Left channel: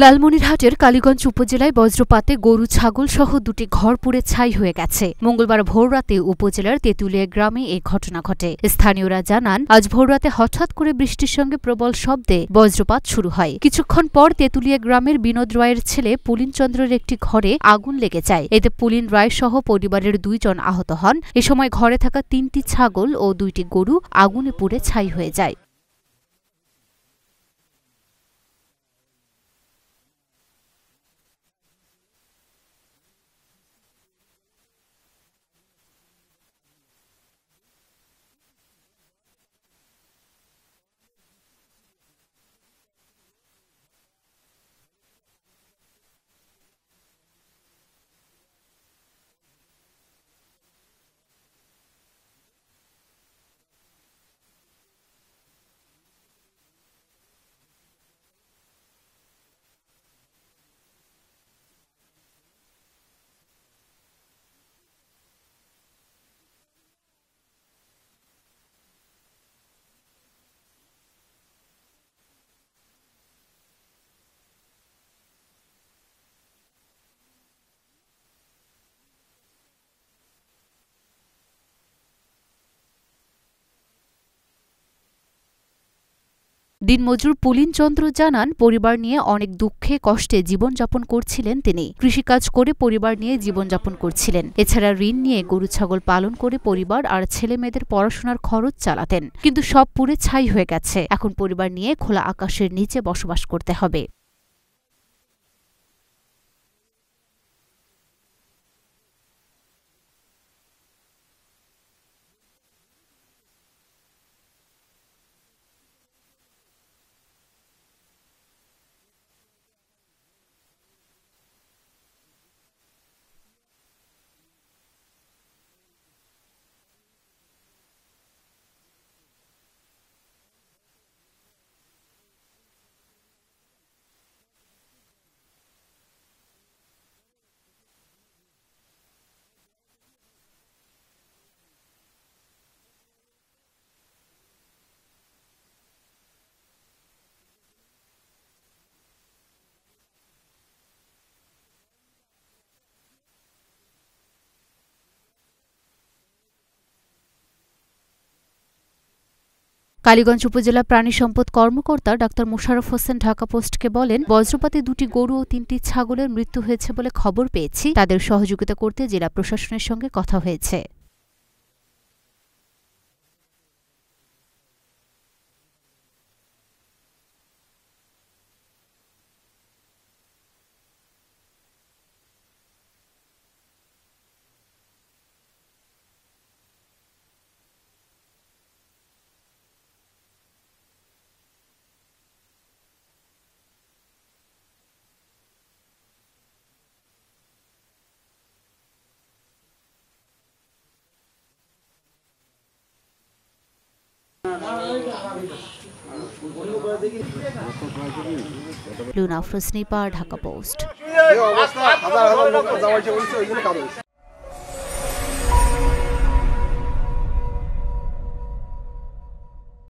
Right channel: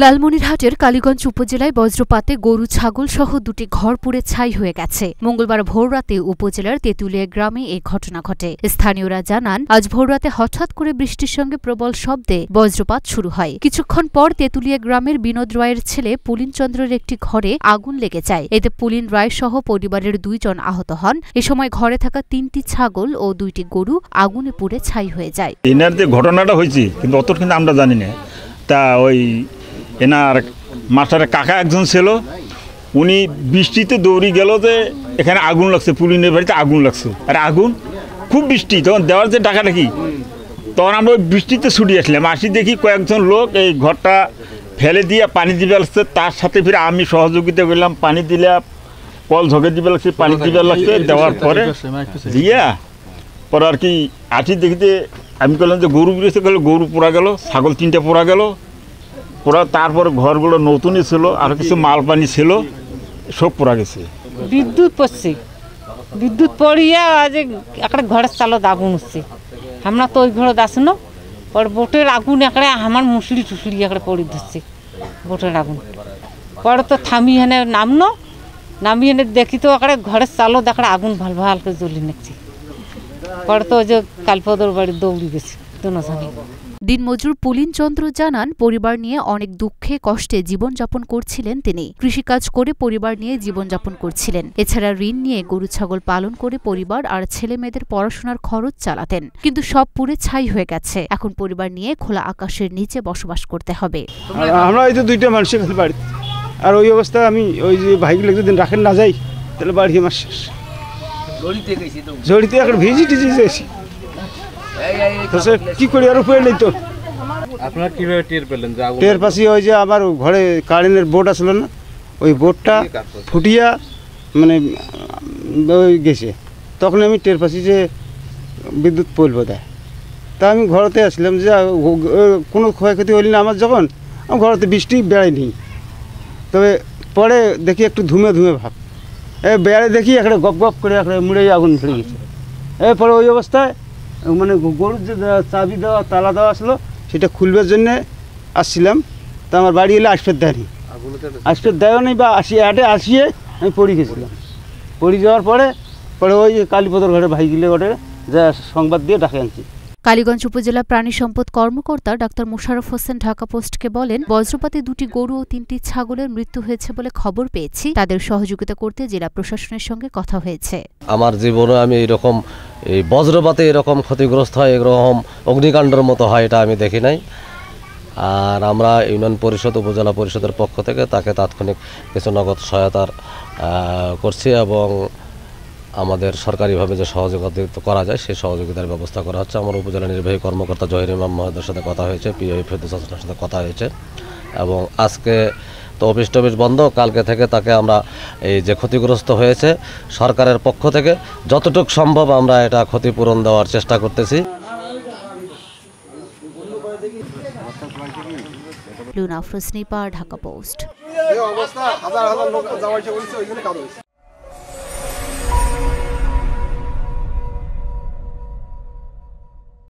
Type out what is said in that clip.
লালমনিরহাটের কালীগঞ্জ উপজেলায় বজ্রপাতে গরু ছাগল সহ দুটি ঘর পুড়ে ছাই হয়ে গেছে। মঙ্গলবার ভোররাতে উপজেলার তেঁতুলিয়া গ্রামে এই ঘটনা ঘটে। স্থানীয়রা জানান, আজ ভোররাতে হঠাৎ করে বৃষ্টির সঙ্গে প্রবল শব্দে বজ্রপাত শুরু হয়। কিছুক্ষণ পর তেঁতুলিয়া গ্রামের বিনোদ রায়ের ছেলে পুলিন চন্দ্রের একটি ঘরে আগুন লেগে যায়। এতে পুলিন রায় সহ পরিবারের 2 জন আহত হন। এ সময় ঘরে থাকা 3টি ছাগল ও 2টি গরু আগুনে পুড়ে ছাই হয়ে যায়। এনার যে ঘটনাটা হয়েছে কিন্তু অত কিন্তু আমরা জানি না। তা ওই এনার মাস্টারের কাকা একজন ছিল, উনি বৃষ্টিতে দৌড়ি গেল যে এখানে আগুন লাগছে, পুলিনের বাড়িতে আগুন লাগছে। আর আগুন খুব বৃষ্টি, তখন দেওয়ার যে ডাকাডাকি, তখন আমরা ওই বৃষ্টিতে ছুটি আসলাম। আসি দেখি কয়েকজন লোক এই ঘরটা ফেলে দিয়ে পানি দিবে লাগছে। তার সাথে ফিরে আমি সহযোগিতা করলাম, পানি দিলে কল ঝকে দিবে লাগছে, পানি দিবে লাগছে। দেওয়ার পরে দিয়া পরে আর কি আসি দেখিতে আমি বললাম যে গরু বেরিয়েছে, গরু পোড়া গেল, ছাগল 3টা পোড়া গেল পোড়া। তারপরে ঘরগুলো নতুনই ছিল, আর কিছু মাল পানি ছিল, সব পোড়া গেছে। বিদ্যুৎ পড়ছে, বিদ্যুৎ পড়িয়া আজ একটা ঘরের চালত আগুন হচ্ছে। আমরা তো ওই ঘরে আসনো, পরে বোটের আগুন একটা আমার মুসড়ি টুসড়ি একটা পড়ে ধরছে বোটের আগুন। পরে তো থামি হেনে নামি এনে দেখি তো একটা ঘরের চালত একটা আগুন ভাল ভাল করে জ্বলি নিচ্ছে। পরে তো ওই যে কালপদর বাড়ি দৌড়ি গেছে দুজনে। দিনমজুর পুলিন চন্দ্র জানান, পরিবার নিয়ে অনেক দুঃখে কষ্টে জীবনযাপন করছিলেন তিনি। কৃষিকাজ করে পরিবার নিয়ে জীবনযাপন করছিলেন। এছাড়া ঋণ নিয়ে গরু ছাগল পালন করে পরিবার আর ছেলে মেয়েদের পড়াশোনার খরচ চালাতেন। কিন্তু সব পুড়ে ছাই হয়ে গেছে। এখন পরিবার নিয়ে খোলা আকাশের নিচে বসবাস করতে হবে। আমরা এই তো 2টা মানুষের বাড়ি, আর ওই অবস্থায় আমি ওই যে ভাইগুলো যদি রাখেন না যাই তাহলে বাড়ি আমার শেষ। জড়িতে এখন ভিজি টিজি যাইছি, কি করি আর উপায় নেই তো। আপনারা কিভাবে টের পেলেন? টের পাশে ওই যে আমার ঘরে কারেন্টের বোর্ড আসলো না, ওই বোর্ডটা ফুটিয়া মানে ওই গেছে। তখন আমি টের পাশি যে বিদ্যুৎ পোল বোধহয়। তা আমি ঘরেতে আসলাম যে কোনো ক্ষয়ক্ষতি হইল না আমার। যখন আমার ঘরেতে বৃষ্টি বেড়ায়নি, তবে পরে দেখি একটু ধুমে ধুমে ভাব, বেড়ে দেখি একটা গপ গপ করে একটা মুড়ে আগুন ধরে গেছে। এরপরে ওই অবস্থায় মানে গরুর যে চাবি দেওয়া তালা দেওয়া আসলো সেটা খুলবার জন্যে আসছিলাম। তা আমার বাড়ি এলে আসফের দেয়নি, আসফের দেওয়া নেই বা আসিয়ে আমি পড়ে গেছিলাম। পড়ে যাওয়ার পরে ওই কালীপদর ঘরে ভাইগুলো ওটা যা সংবাদ দিয়ে ডাকে আনছি। কালীগঞ্জ উপজেলা প্রাণী সম্পদ কর্মকর্তা ডাক্তার মোশাররফ হোসেন ঢাকা পোস্টকে বলেন, বজ্রপাতে 2টি গরু ও 3টি ছাগলের মৃত্যু হয়েছে বলে খবর পেয়েছি। তাদের সহযোগিতা করতে জেলা প্রশাসনের সঙ্গে কথা হয়েছে। আমার জীবনে আমি এরকম এই বজ্রপাতে এরকম ক্ষতিগ্রস্ত হয়, এরকম অগ্নিকাণ্ডের মতো হয় এটা আমি দেখি নাই। আর আমরা ইউনিয়ন পরিষদ উপজেলা পরিষদের পক্ষ থেকে তাকে তাৎক্ষণিক কিছু নগদ সহায়তার করছি এবং আমাদের সরকারিভাবে যে সহযোগিতা করা যায় সেই সহযোগিতার ব্যবস্থা করা হচ্ছে। আমার উপজেলা নির্বাহী কর্মকর্তা জহির ইমাম মহোদয়ের সাথে কথা হয়েছে, পিআই ফেরদৌস হাসানের সাথে কথা হয়েছে এবং আজকে তো অফিস টফিস বন্ধ, কালকে থেকে তাকে আমরা এই যে ক্ষতিগ্রস্ত হয়েছে সরকারের পক্ষ থেকে যতটুকু সম্ভব আমরা এটা ক্ষতিপূরণ দেওয়ার চেষ্টা করতেছি। লুনা আফরোজ নিপার, ঢাকা পোস্ট।